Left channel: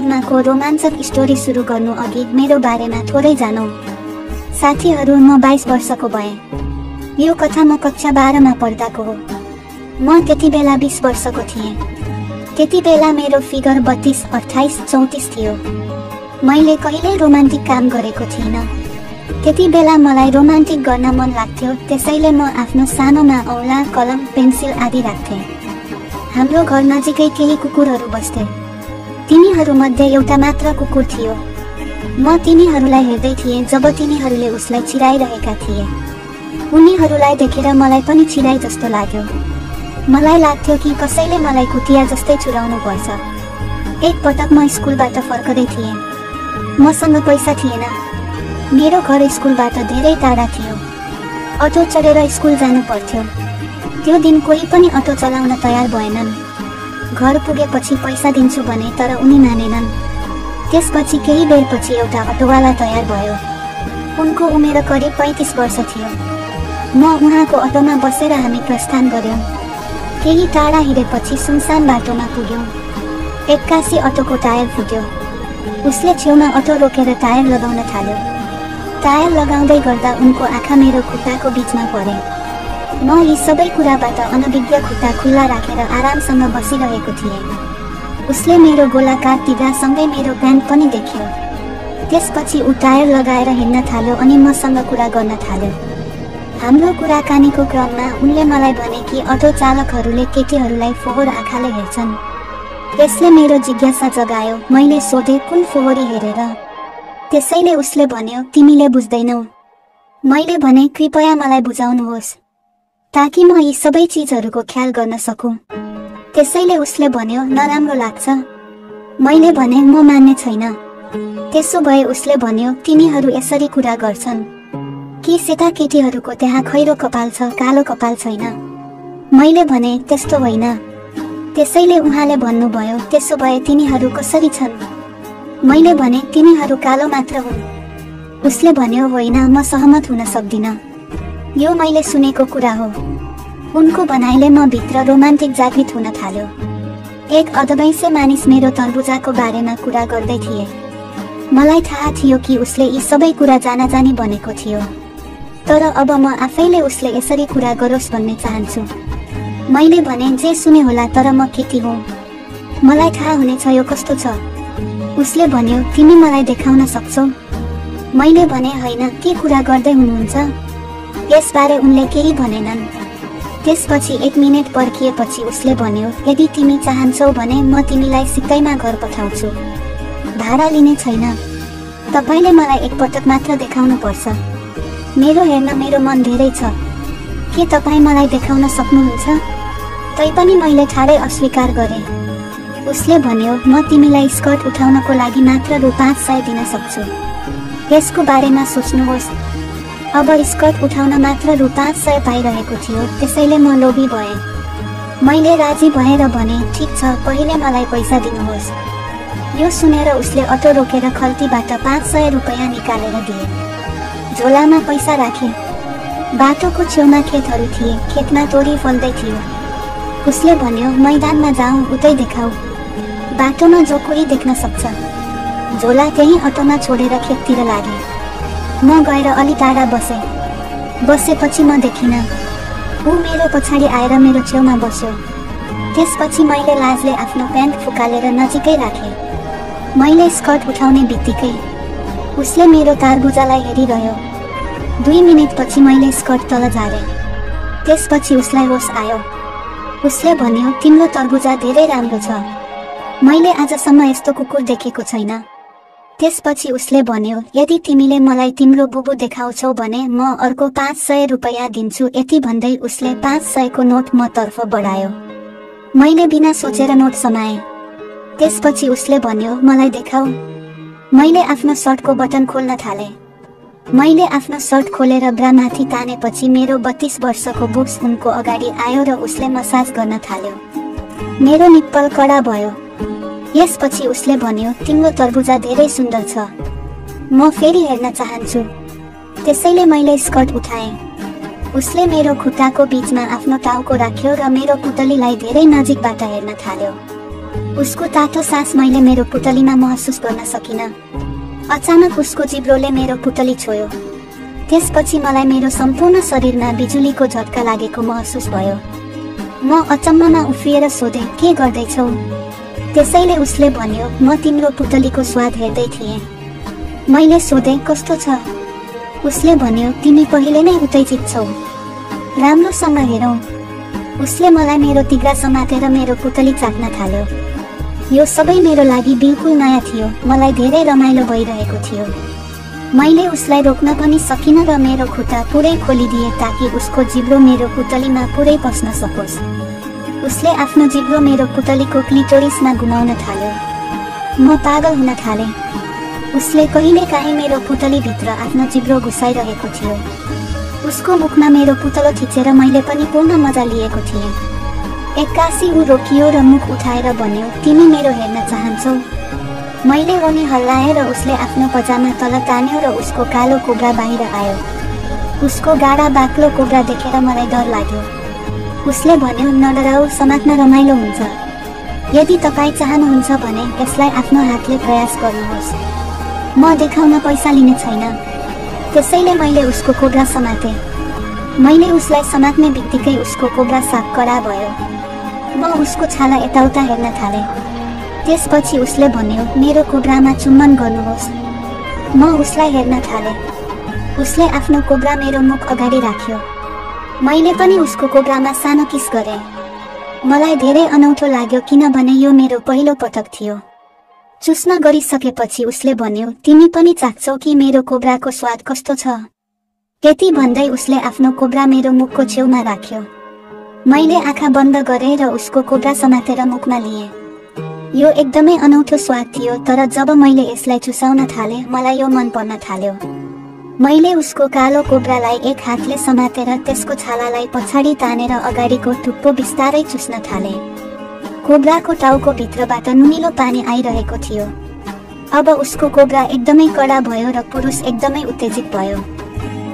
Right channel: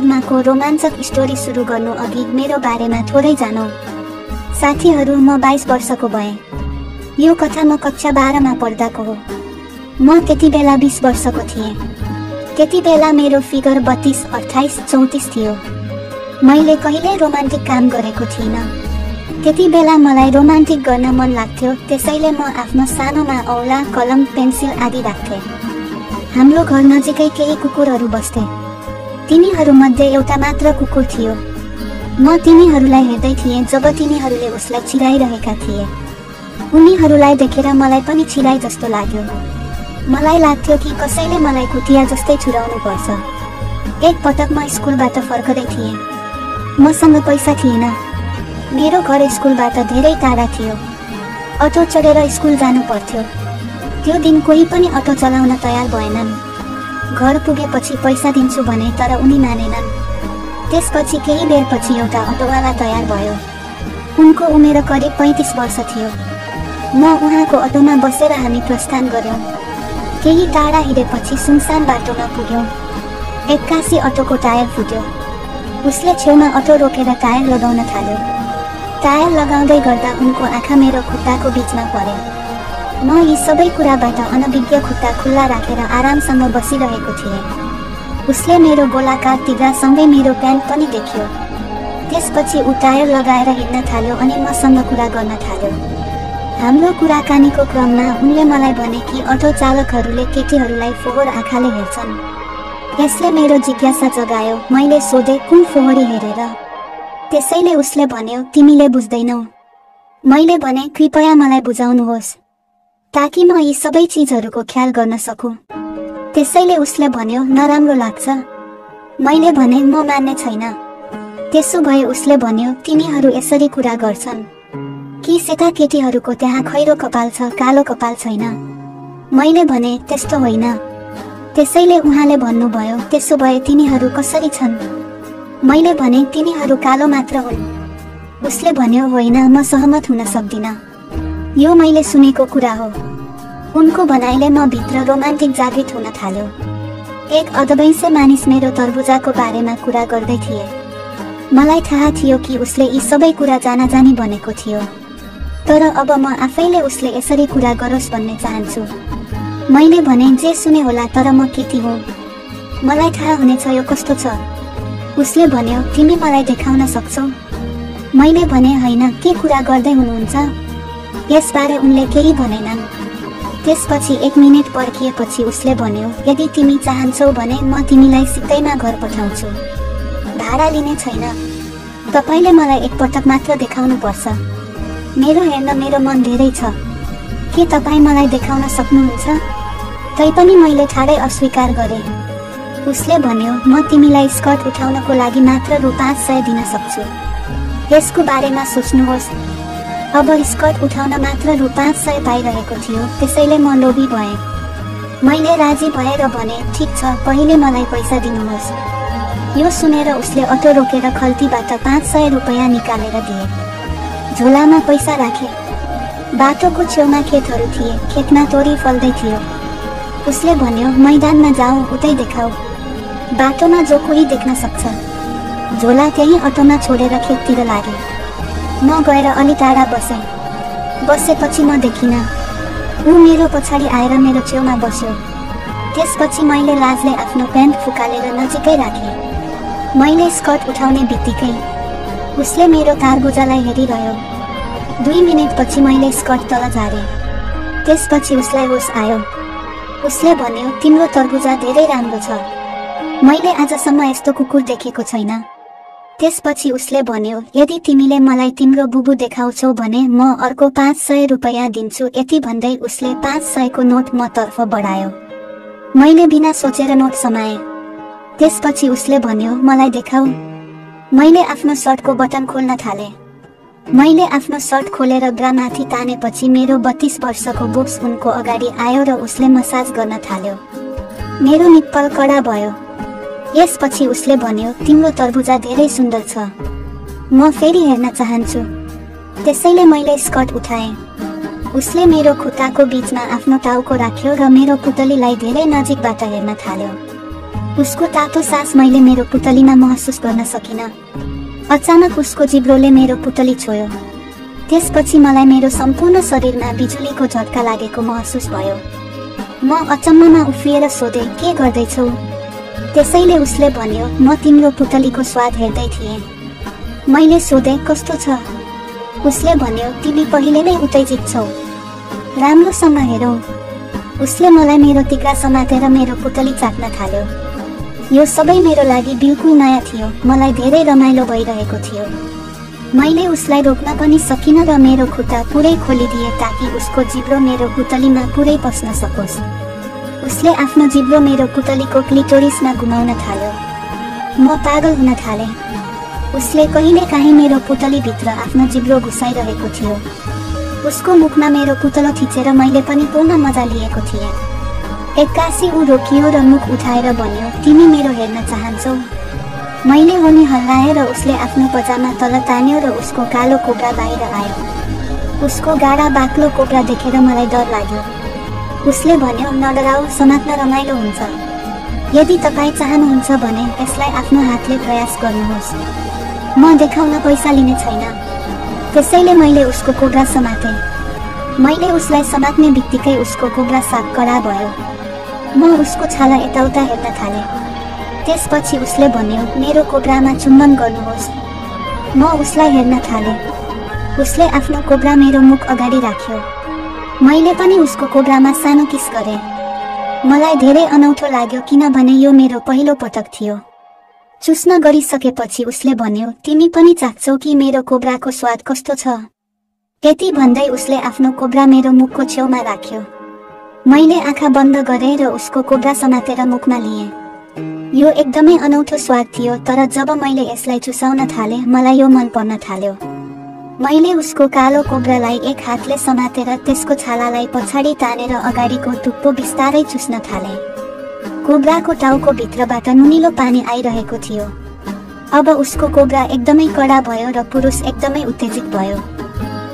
को रोमाञ्चक स्टोरी सुरु गर्नु अघि मेरो बारेमा थोरै जानौ। साथीहरू, म 22 वर्षको भएँ। यो कथा म कक्षा 12 मा पढ्दाको हो। म त्यति बेला 20 वर्षको थिएँ। त्यति बेला मेरो फिगर 32, 28, 34 थियो। मैले कहिल्यै रोमान्टिक काम गरेको थिइनँ। त्यति बेला मलाई रोमान्टिक गर्न मन लाग्थ्यो, त्यसैले म आफ्नो सानोमा औँला, कलम, पेन्सिल आदि राख्थेँ। हाम्रो घर नजिकै केही कुकुरहरू बस्थे। तिनीहरूमध्ये एउटा मात्र कुकुर थियो। म तिनीहरूलाई हेर्दै थिएँ जब तिनीहरूले उसलाई चिराइरहेका थिए। उनीहरूलाई देखेर मलाई पनि चिराइ जस्तो लाग्यो। मलाई लाग्थ्यो कि कसैले मलाई कुतिया जस्तै छुराउनु पर्छ। एक पटक म स्कुलबाट फर्कदै थिएँ। मसँग पैसा थिएन। मेरो घर स्कुलबाट धेरै टाढा थियो। अटो चढेर स्कुल जानु पर्थ्यो। त्यो दिन कोही पनि अटो चलाउन तयार भएनन्। घर पुगेपछि पैसा दिन्छु भने तर उनी मानेनन्। त्यसपछि केही बेरपछि एउटा अटोवाला तयार भयो। उनको उमेर करिब 35 वर्ष थियो। म उहाँको अटोमा बसेर हामी प्रस्थान गर्यौं। केही टाढा हिँडेपछि सुनसान बाटोमा पुग्यौं। एक्कासी अटोको टायर फुट्यो। उसले छेउमा अटो रोकेर टायर लगाउन थाल्यो। टायर लगाउँदै गर्दा उनको आँखा मेरो खुट्टाको बीचमा परे। म यी सबै कुराबाट अनभिज्ञ खुट्टा खुल्ला राखेर आरामसँग बसिरहेको थिएँ। उसले मेरो गोलाकार तिघासँगै मेरो प्यान्ट पनि देख्यो। त्यसपछि ऊ टायर लगाएर हिँड्न थाल्यो अनि मसँग कुरा गर्न थाल्यो। हाम्रो कुराकानीको क्रममा उनले मलाई भने कि अटो चालकहरूले केटीहरूलाई फोहोर आँखाले हेर्छन्। यसले मेरो जिज्ञासा जगायो। मैले सोधेँ, कुन फोहोरी हेरेर? त्यसैले उसले भन्यो, तिमीले बुझ्दैनौ। मैले भने, कृपया मलाई बुझाउनुहोस् ताकि म यी सबै चीजहरूको ख्याल गर्न सकूँ। त्यसैले उसले भन्यो, नराम्रो लाग्छ? मैले भने, म मान्ने छैन। त्यसो भए उसले भन्यो, तिनीहरू यसरी कुरा गर्छन् कि सेता केटीहरूको त्यहाँ खैरो कपाल छ, कालो कपाल छैन? मैले भने, त्यस्तो होइन। त्यसैले उहाँले भन्नुभयो, त्यसो भए तिनीहरू कसरी छन्? मैले भने, तिनीहरू कालो मात्र हुन्। उसले भन्यो, होइन, म सहमत हुन सक्दिनँ। यो मैले सुनेको कुरा हो। उनको भनाइले म भित्र रोमान्टिक जागृत हुन थाल्यो। एक अधवैंसे मानिस मेरो तरबुजाको बारेमा कुरा गर्दै थिए। मलाई थाहा थियो कि उसले यी सबै कुरा जानाजानी भनेको थियो। तर अब म आफैले उसले यसरी कुरा गरोस् भन्ने चाहन्छु। मैले भने, जे सुने होला, तर म केटी हुँ। मलाई थाहा हुनेछ यो कस्तो छ। उसले भन्यो, तिमी मलाई देखाउन सक्छौ? मैले भने, होइन, के कुरा गर्दै हुनुहुन्छ? यसबारे उनले केही भनेनन्। त्यसपछि 1 मिनेट पर्खिएपछि उसले भन्यो, यदि तिमी चाहन्छौ भने म तिमीलाई सित्तैमा घर पठाउँछु। भाडा लिने छैन। तपाईले मलाई एक पटक मात्र देखाउनु पर्छ। मेरो मन धेरै छ। के तपाईँ मलाई देखाउन सक्नुहुन्छ? तैपनि मैले ठाडै अस्वीकार गरेँ। उसले भन्यो, म तिमीलाई स्कर्ट उठाउनको लागि मात्र रु 500 दिन सक्छु। यसको बारेमा सोच्नुहोस्। अब स्कर्ट उठाउन मात्र रु 500 पाइरहेको थियो, त्यसैले म लोभी भएँ। मैले राजी भएर भने, ठिक छ, पहिले मलाई पैसा दिनुहोस्। यो सुनेर उसले अटो रोकेर खल्तीबाट 500 रुपैयाँ निकालेर दिए। झोलामा पैसा राखे। बाटोको छेउमा खेतहरू थिए। खेतमा तोरी फल्दै थियो। उसले भन्यो, मैदानमा जाऊ, उतै देखाऊ। बाटोमा जो कोही देख्न सक्छ। झोला त्यही अटोमा छोडेर खेततिर लागे। म गएर अलि टाढा बसेपछि म देखिनँ। ऊ मेरो पछाडि आएर मेरो छेउमा बस्यो। त्यसपछि मैले लाजले आफ्नो प्यान्ट फुकालेर नजिकै राखेँ। मैले स्कर्ट उठाउने बित्तिकै उसले मेरो तरबुजालाई हेरिरह्यो। 2 मिनेटपछि मैले स्कर्ट तल झारेँ। त्यसपछि उसलाई होस आयो। उसले भन्यो, तिम्रो तरबुजा धेरै राम्रो छ। मैले आजसम्म यस्तो कुकुर देखेको छैन। त्यसपछि उसले भन्यो, यदि तिमीले मलाई तिम्रो बुबु देखाउँछौ भने म अर्को 500 रुपैयाँ दिन्छु। यति भन्दै उसले 500 को नोट म तर्फ बढायो। मैले बिना सोचेर नोट समाएँ। त्यसपछि उसले भन्यो, मलाई देखाऊ। मैले आफ्नो सर्टको बटन खोल्न थालेँ। मैले आफ्नो सर्ट खोलेर ब्रा माथि तानेपछि मेरो 32 वर्षको बुब्स उनको अगाडि आयो र उसले मसाज गर्न थाल्यो। मेरो निप्पल कडा भयो। यसपछि उसले भन्यो, तिम्रो तरबुजा धेरै सुन्दर छ। म फेरि हेर्न चाहन्छु। त्यसैले मैले स्कर्ट उठाएँ। उसले मेरो खुट्टाको बीचमा आफ्नो टाउको राख्यो र मेरो पुतलीलाई धेरै नजिकबाट हेर्न थाल्यो। उसको तातो सास मैले मेरो पुतलीमा महसुस गर्न सकिन। अचानक उसको जिब्रोले मेरो पुतली छोयो। त्यसपछि मलाई मेरो सम्पूर्ण शरीरमा बिजुलीको झट्का लागेको महसुस भयो। म अचम्ममा उफ्रिएर सोधेँ, के गर्दैछौ? त्यसैले उसले भन्यो, म तिम्रो पुतलीको स्वाद हेर्दै थिएँ। मैले सोधेँ, कस्तो छ? उसले भन्यो, तिमी पहिले नै उत्तेजित छौ, राम्रोसँग हेरौ। उसले मलाई मेरो तिघ्रा समातेर मेरो पुतली चाख्न थाल्यो। यो सबै मेरो लागि बिल्कुल नयाँ थियो। मलाई धेरै रमाइलो भइरहेको थियो। मैले उसलाई रोक्न पनि सकिनँ र मेरो खुट्टा पुरै खोलिदिएँ ताकि उसको जिब्रो मेरो पुतलीमा पुरै पस्न सकोस्। उसले आफ्नो जिब्रो मेरो पुतलीको क्लिटोरिसमा घुमाउन थाल्यो। म पागल हुन थालेँ। उसले कहिलेकाहीँ मेरो पुतलीभित्र आफ्नो जिब्रो घुसाइरहेको थियो। उसको मुखमा मेरो पुतलो थिचेर मैले पनि पूर्ण मजा लिएको थिएँ। एक्कासी ऊ रोकियो र मुख उठाएर भन्यो, तिमी मेरो हेर्न चाहन्छौ? मैले उनी हल्लाएर उसले आफ्नो पजामा तल तान्यो र उसको कालो कोब्रा बाहिर आयो। उसको गाढा बाक्लो कोब्रा देखेर मलाई डर लाग्यो। उसले भन्यो, नडराऊ, समात्न रमाइलो हुन्छ। यदि तपाईँ चाहनुहुन्छ भने यसलाई आफ्नो हातले प्रयास गर्नुहोस्। म देखाउन पैसा लिने छैन। त्यसैले मैले उसको कोब्रा समातेँ। मैले उसलाई समात्ने बित्तिकै उसको कोब्रा साफ कडा भयो। म उसको छाला यताउता हेर्न थालेँ। त्यसपछि उसले भन्यो, मेरो कोब्रामा चुम्बन गर्नुहोस्। म उसलाई हेर्न थालेँ। उसले आफ्नो कोब्रा मेरो मुख अगाडि राख्यो। मैले पनि उसको कोब्रामा सानो किस गरेँ। मलाई धेरै अनौठो लाग्यो किनभने यो मेरो पहिलो पटक थियो। चुस्न गरिसकेपछि उसले भन्यो, तिमी पनि चाख्छौ कि मेरो कोब्राको स्वाद कस्तो छ? यति भन्दै उसले आफ्नो कोब्रा मेरो मुखको छेउमा राख्यो। मैले आँखा बन्द गरेँ र उसको कोब्रा समातेर मुखमा लिएँ। यो एकदमै अनौठो स्वाद थियो, तर जब मैले यसलाई चुसाउन थालेँ मलाई यो मन पर्न थाल्यो। मैले उसको कालो कोब्रालाई एक हातले समातेर त्यसको छालालाई पछाडि तानेर अगाडिको टुप्पो बिस्तारै चुस्न थालेँ। कोब्राको टाउको भित्रबाट नुनिलो पानी आइरहेको थियो। अब उसको कोब्रा एकदमै कडा भयो र पुरुष एकदमै उत्तेजित भयो।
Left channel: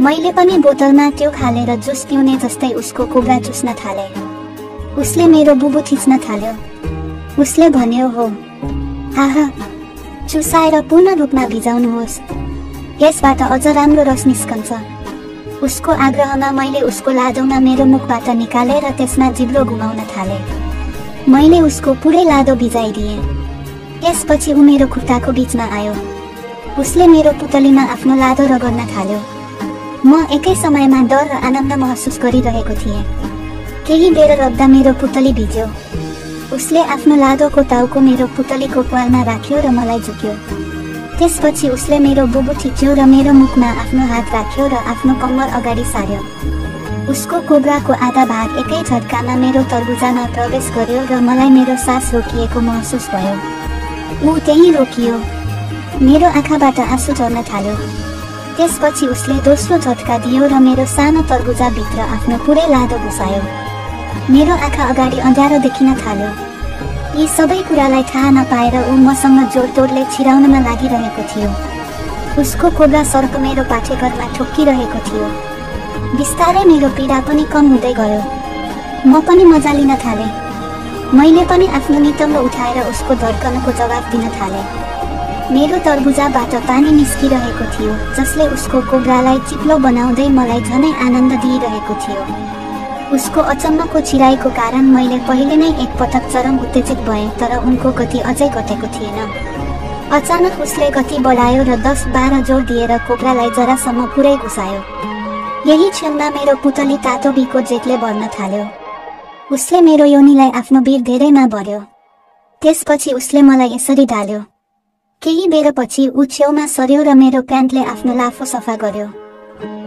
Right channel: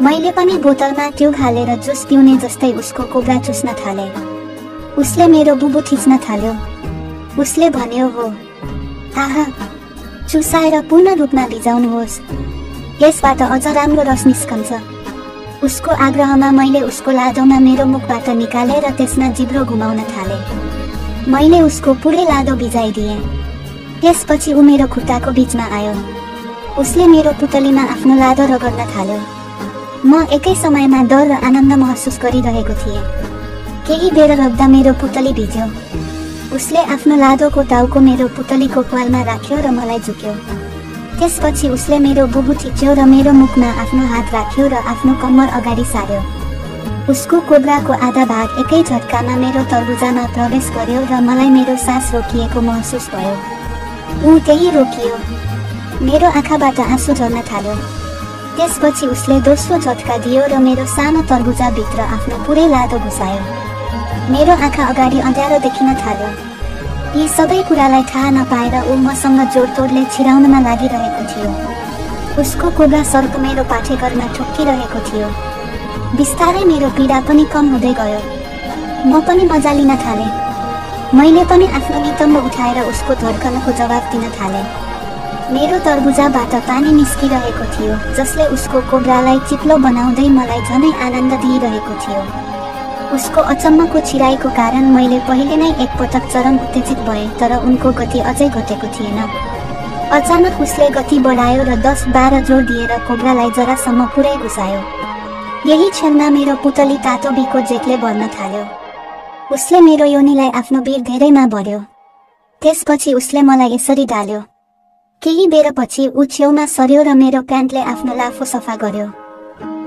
मैले पनि बोतलमा त्यो हालेर जुस पिउने जस्तै उसको कोब्रा चुस्न थालेँ। उसले मेरो बुबु थिच्न थाल्यो। उसले भन्यो, हो आहा, चुसाएर पूर्ण रूपमा भिजाउनुहोस्, यसबाट अझ राम्रो रस निस्कन्छ। उसको आग्रहमा मैले उसको लादोमा मेरो मुखबाट निकालेर त्यसमा जिब्रो घुमाउन थालेँ। मैले उसको पुरै लादो भिजाइदिएँ। त्यसपछि ऊ मेरो खुट्टाको बीचमा आयो। उसले मेरो पुतलीमा आफ्नो लादो रगड्न थाल्यो। म एकै समयमा डर र आनन्द महसुस गरिरहेको थिएँ। केही बेर रग्दा मेरो पुतली भिज्यो। उसले आफ्नो लादोको टाउको मेरो पुतलीको प्वालमा राख्यो र मलाई झुक्यो। त्यसपछि उसले मेरो बुबु थिच्यो र मेरो मुखमा आफ्नो हात राख्यो र आफ्नो कम्मर अगाडि सार्यो। उसको कोब्राको आधा भाग एकै झट्कामा मेरो तरबुजामा प्रवेश गर्यो र मलाई मेरो सास रोकिएको महसुस भयो। ऊ त्यही रोकियो। मेरो आँखाबाट आँसु झर्न थाल्यो। त्यसपछि उसले दोस्रो झट्का दियो र मेरो सानो तरबुजाभित्र आफ्नो पुरै लादो घुसायो। मेरो आँखा अगाडि अँध्यारो देखिन थाल्यो। यी सबै कुरालाई थाहा नपाएर ऊ मसँग जोडतोडले छिराउनमा लागिरहेको थियो। उसको कोब्रा सर्प मेरो पाठेघरमा ठोक्किरहेको थियो। बिस्तारै मेरो पीडा पनि कम हुँदै गयो। म पनि मजा लिन थालेँ। मैले पनि आफ्नो नितम्ब उठाएर उसको धड्कनको जवाफ दिन थालेँ। मेरो तरबुजाबाट पानी निस्किरहेको थियो जसले उसको कोब्रालाई चिप्लो बनाउँदै मलाई झनै आनन्द दिइरहेको थियो। उसको अचम्मको छिराइको कारण मैले पहिले नै एकपटक चरम उत्तेजित भएँ, तर उनको गति अझै घटेको थिएन। अचानक उसले गति बढायो र 10-12 जोड दिएर कोब्रालाई जरासम्म पुरै घुसायो। यही क्षणमा मेरो पुतली तातो बिको जेठले भर्न थाल्यो। उसले मेरो योनिलाई आफ्नो वीर धेरैमा भर्यो। त्यसपछि उसले मलाई यसरी डाल्यो। केही बेरपछि ऊ छेउमा सर्यो र मेरो प्यान्टले आफ्नो लाफो सफा गर्यो।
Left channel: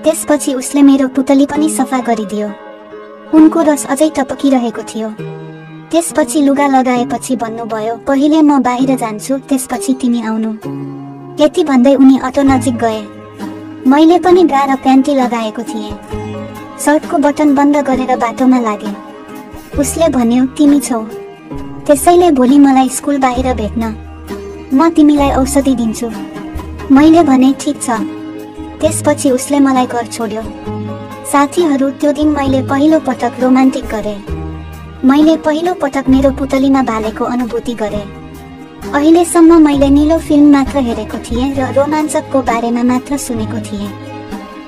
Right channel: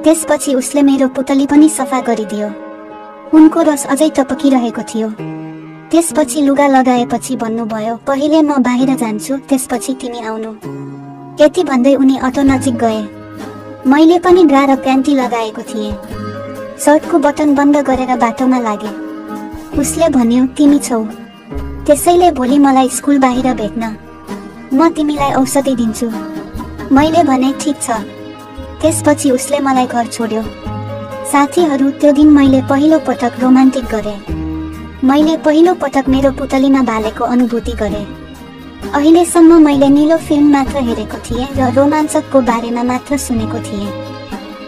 त्यसपछि उसले मेरो पुतली पनि सफा गरिदियो। उनको रस अझै टपकिरहेको थियो। त्यसपछि लुगा लगाएपछि भन्नुभयो, पहिले म बाहिर जान्छु, त्यसपछि तिमी आउनु। यति भन्दै उनी अटो नजिक गए। मैले पनि ब्रा र प्यान्टी लगाएको थिएँ। सर्टको बटन बन्द गरेर बाटोमा लागे। उसले भन्यो, तिमी छौ, त्यसैले भोलि मलाई स्कुल बाहिर भेट्न। म तिमीलाई औषधि दिन्छु। मैले भने, ठिक छ। त्यसपछि उसले मलाई घर छोड्यो। साथीहरू, त्यो दिन मैले पहिलो पटक रोमान्टिक गरेँ। मैले पहिलो पटक मेरो पुतलीमा बालेको अनुभूति गरेँ। अहिलेसम्म मैले नीलो फिल्म मात्र हेरेको थिएँ र रोमाञ्चकको बारेमा मात्र सुनेको थिएँ,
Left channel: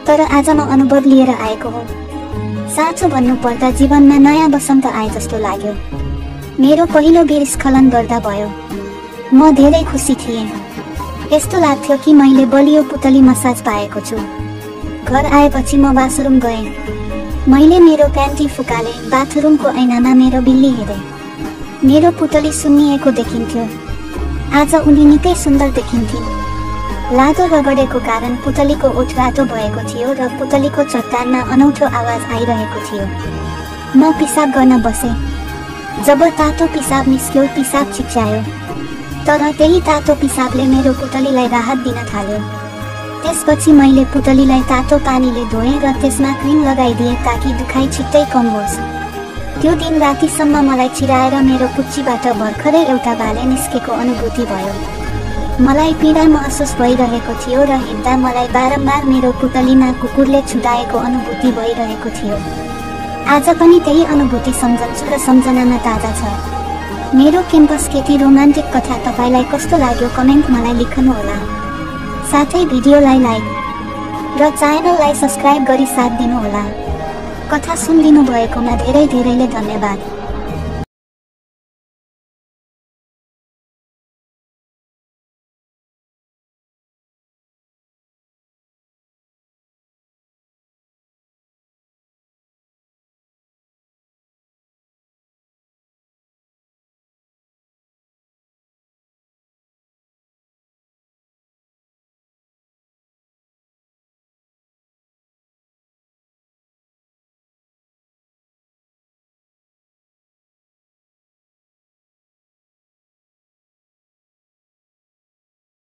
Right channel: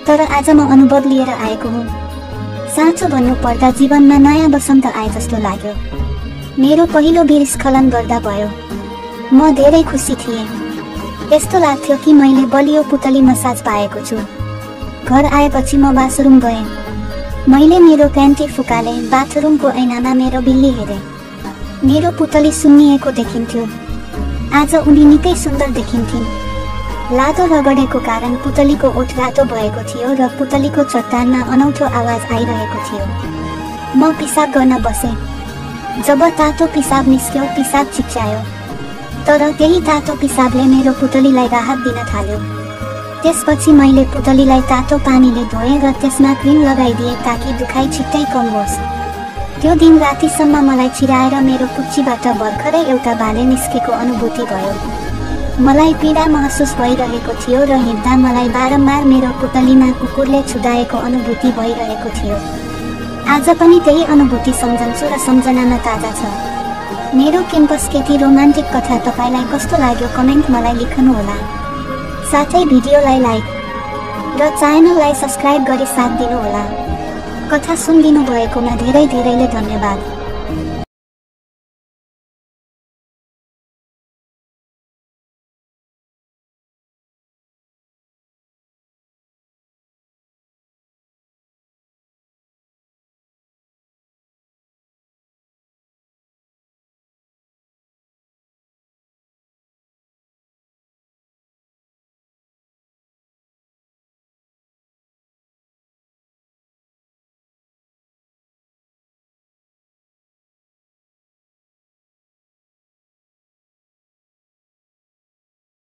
तर आज म अनुभव लिएर आएको हुँ। साँचो भन्नुपर्दा जीवनमा नयाँ वसन्त आए जस्तो लाग्यो। मेरो पहिलो बिर स्खलन गर्दा भयो। म धेरै खुसी थिएँ। यस्तो लाग्थ्यो कि मैले बलियो पुतली मसाज पाएको छु। घर आएपछि म बाथरुम गएँ। मैले मेरो प्यान्टी फुकाले बाथरुमको ऐनामा मेरो बिल्ली हेरेँ। मेरो पुतली सुन्निएको देखिन्थ्यो। आज उनी निकै सुन्दर देखिन्थिन्। लादो रगडेको कारण पुतलीको ओठ रातो भएको थियो र पुतलीको चट्टानमा अनौठो आवाज आइरहेको थियो। म पिसाब गर्न बसेँ। जब तातो पिसाब निस्क्यो, पिसाब चिच्यायो, तर त्यही तातो पिसाबले मेरो पुतलीलाई राहत दिन थाल्यो। त्यसपछि मैले पुतलीलाई तातो पानीले धोएँ र त्यसमा क्रिम लगाइदिएँ ताकि दुखाइ छिट्टै कम होस्। त्यो दिन रातिसम्म मलाई चिराएर मेरो पुच्चीबाट भर्खरै एउटा बाले निस्केको अनुभूति भयो। मलाई पीडा महसुस भइरहेको थियो र हिँड्दा मलाई बारम्बार मेरो पुतलीमा कुकुरले छुटाएको अनुभूति भइरहेको थियो। आज पनि त्यही अनुभूति सम्झन्छु र सम्झनामा ताजा छ। मेरो क्याम्पस केटी रोमान्टिक कथा तपाईलाई कस्तो लाग्यो कमेन्ट मलाई लेख्नुहोला। साथै भिडियोलाई लाइक र च्यानललाई सब्स्क्राइब गरी साथ दिनुहोला। कथा सुनिदिनु भएकोमा धेरै धेरैले धन्यवाद।